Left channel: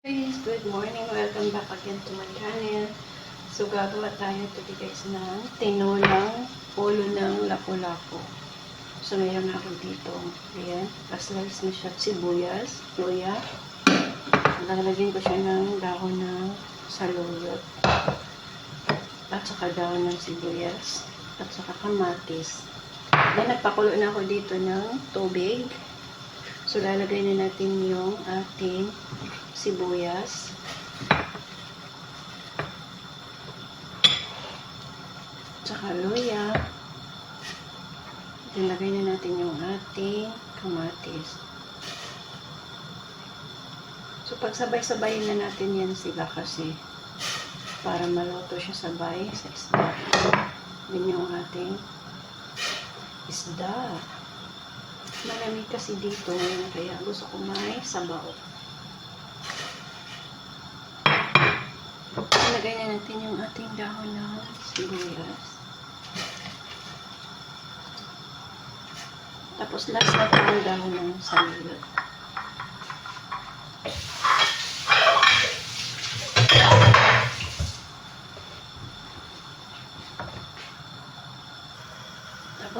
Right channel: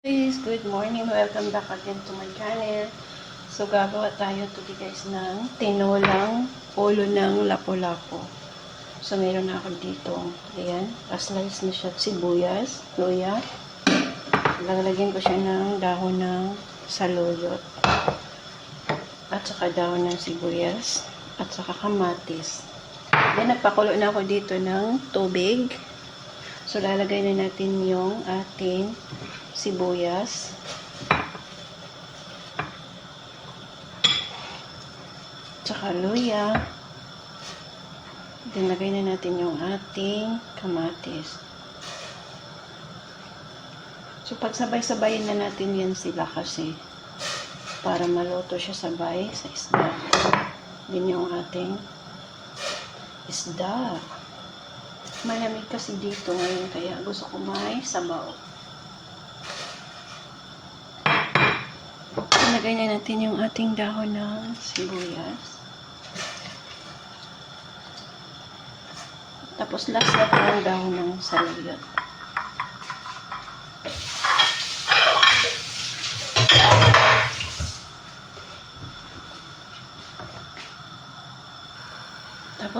Guys, good morning. Welcome back again to my channel. So, gagawa tayo today guys ng tinolang ulo ng lapu-lapu. So, meron ako dito. Ayan. Pa-slice na siya sibuyas, luya. Lalagyan ko siya ng dahon ng saluyot. At saka dahon ng sibuyas. At saka kamatis. Then, nagpakulo na ako dito ng tubig. So, lalagay na natin yung ating sibuyas. Tsaka luya. Dilagay na natin yung ating kamatis. So, pagsabay-sabayin na natin yan sila kasi para maluto siya sabay sa isda. Din yung ating isda. Malamig kasi dito ngayon kaya gusto ko may sabaw. Ilagay na natin yung ating dahon ng sibuyas. Tapos last na po yung dahon ng saluyot.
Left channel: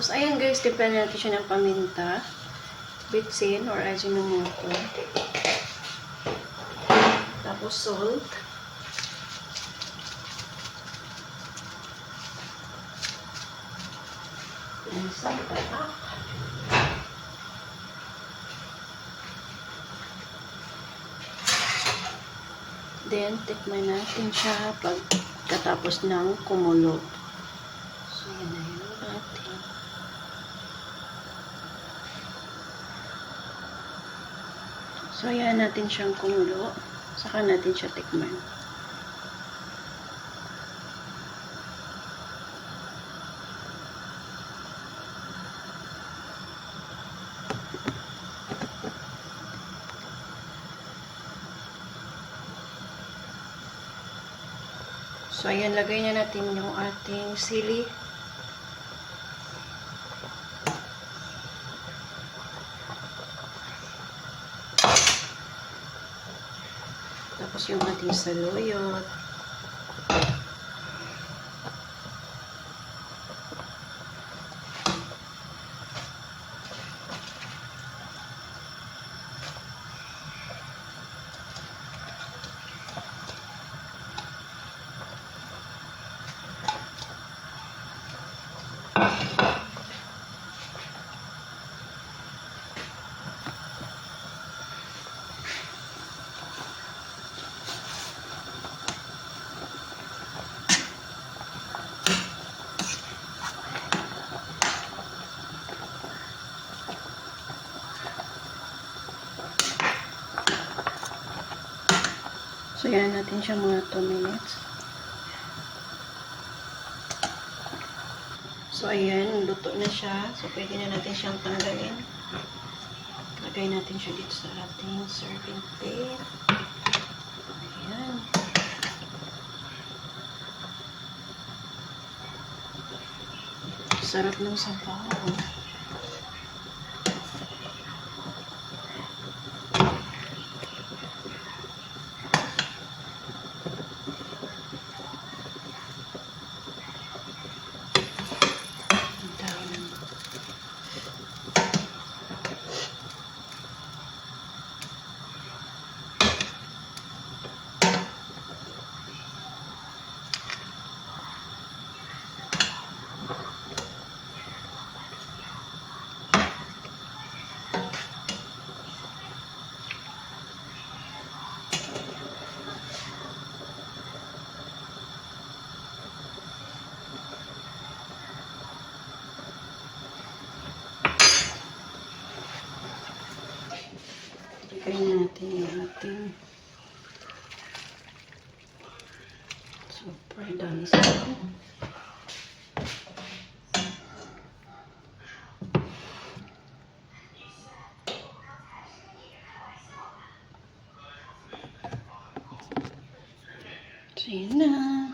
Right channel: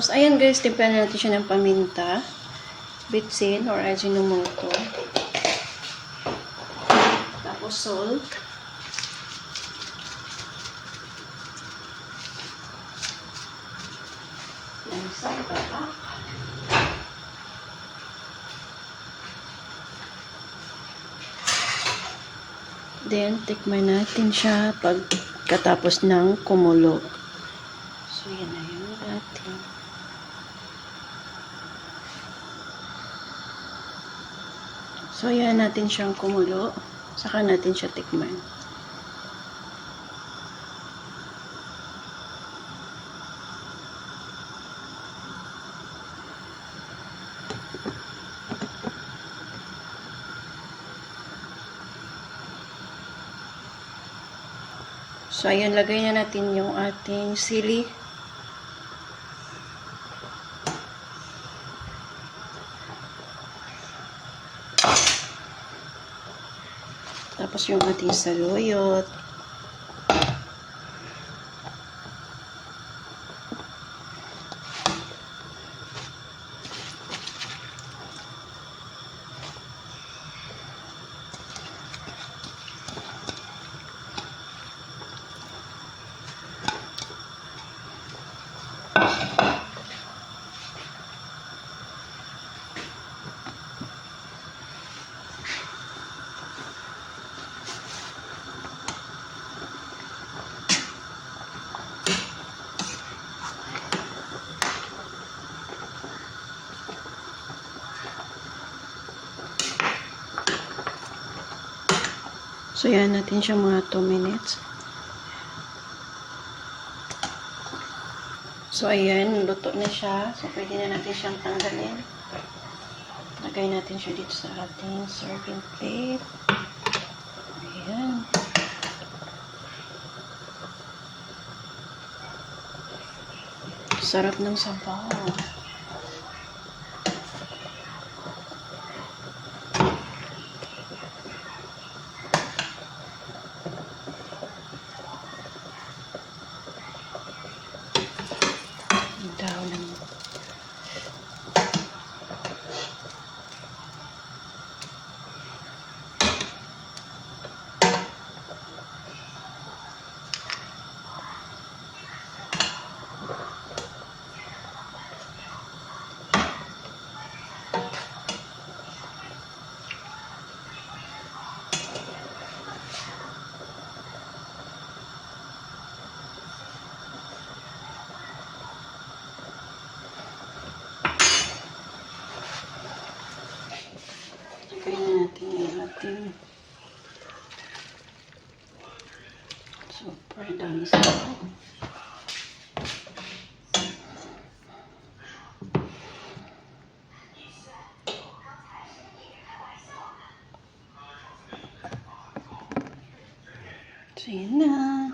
Tapos ayan guys, timplahan natin siya ng paminta, bitsin or ajinomoto. Tapos salt. and salt. Then, tikman natin siya pagkatapos ng kumulo. So, yan na yung ating So, yan natin siyang kumulo. Saka natin siya tikman. So, ayan, lagay na natin yung ating sili. Tapos yung ating saluyot. So, yan natin siya mga 2 minutes. So, ayan, luto na siya. So, pwede na natin siyang tanggalin. Lagay natin siya dito sa ating serving plate. Ayan. Sarap ng sabaw. Ang dahon ng Na natin yung ating super dami sa So, yun na.